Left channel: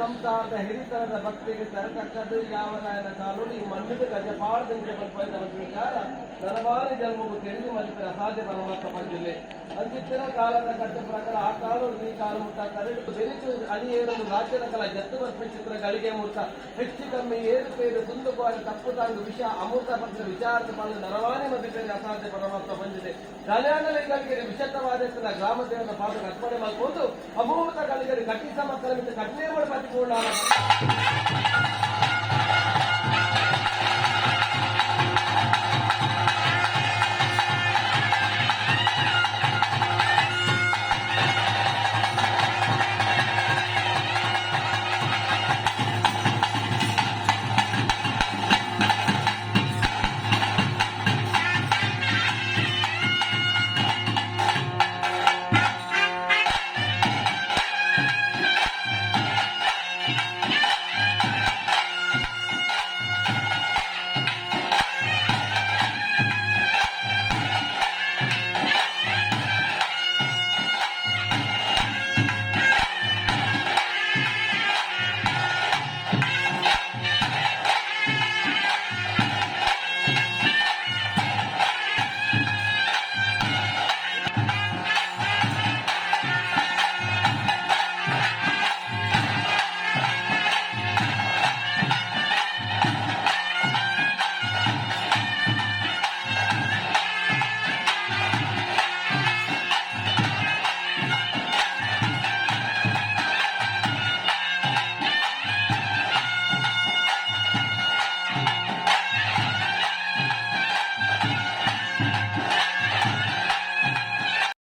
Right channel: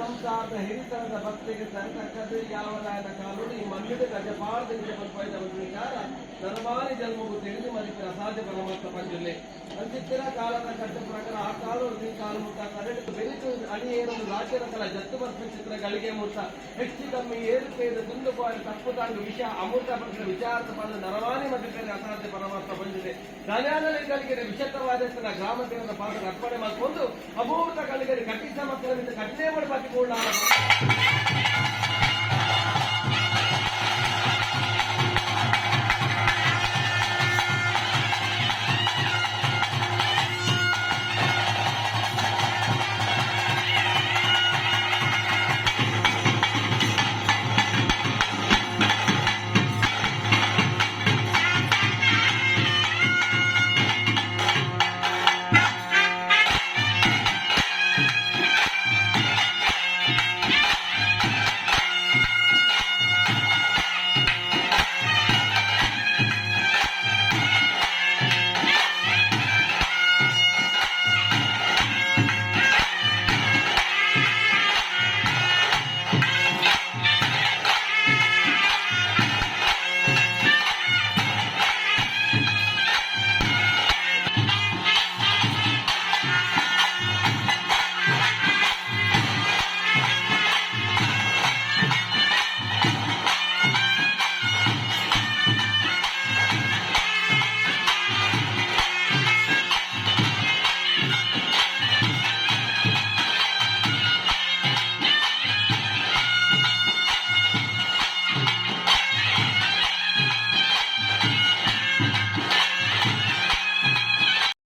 ಸಂಸಾರದ ಹಿರಿತನದ ಭಕ್ತಿಗೆ ತರತಕ್ಕದ್ದು ಯಾವ ರಾಯನ ಕಾನೂನು ಈ ಮಂದಿರ ಗಜಪಾಡದಿಂದ ಬಲ್ಪೈದ ಒಂದು ವಿಚಾರ ನರಮಾರಿ ಜನ್ಮವು ತಿಳಿದು ಮರಿಪಿನ ಅಸಾಧ್ಯ ಪರಮಾತ್ಮ ಪಂಜಿಲ್ಲೆ ಅಂದಿತ್ತಿನ ಕಾಲದ ಕಟ್ಟ ಪ್ರಕಾರ ಆ ಕಾನೂನು ಈ ಕಾಲು ಮುಖ ಕರೆದು ಬೆರಿತು ಅಡಿಯೇರಲು ರಾಜ್ಯದ ಕಲ ಜತ್ತು ಬರ್ಪಿಸಿದ್ರ ಗಳಿಗೆ ಮುತ್ತ ಹೆಚ್ಚು ಕಮ್ಮಿ ಏರುಪೇರು ತುಂದುಪಾರ ತಪ್ಪು ತಾಂಡು ವಿಷ ಅಮೃತ ಪಕ್ಷ ವಿಚಾರದ ಬಂದು ನರವಾನಿ ಮಧ್ಯದಲ್ಲಿ ಅಸಾಧ್ಯ ಪರಮಾತ್ಮ ಬಂದಿದೆ ಧನ್ಯಾನಗಳಿಗೆ ವಿಶತ್ತವಾದ ಗ್ರಾಮ ದೇವರ ಪಾತ್ರ ಅರ್ಪಣೆ ಮಾಡಿಕೊಂಡು ಅಮೂರ್ತ ಗಳಿಗೆ ಕಟ್ಟಿಸ ಮಕ್ಕಳ ಮಿತ್ರ ಕಠಿಣ ಮಾಡಿ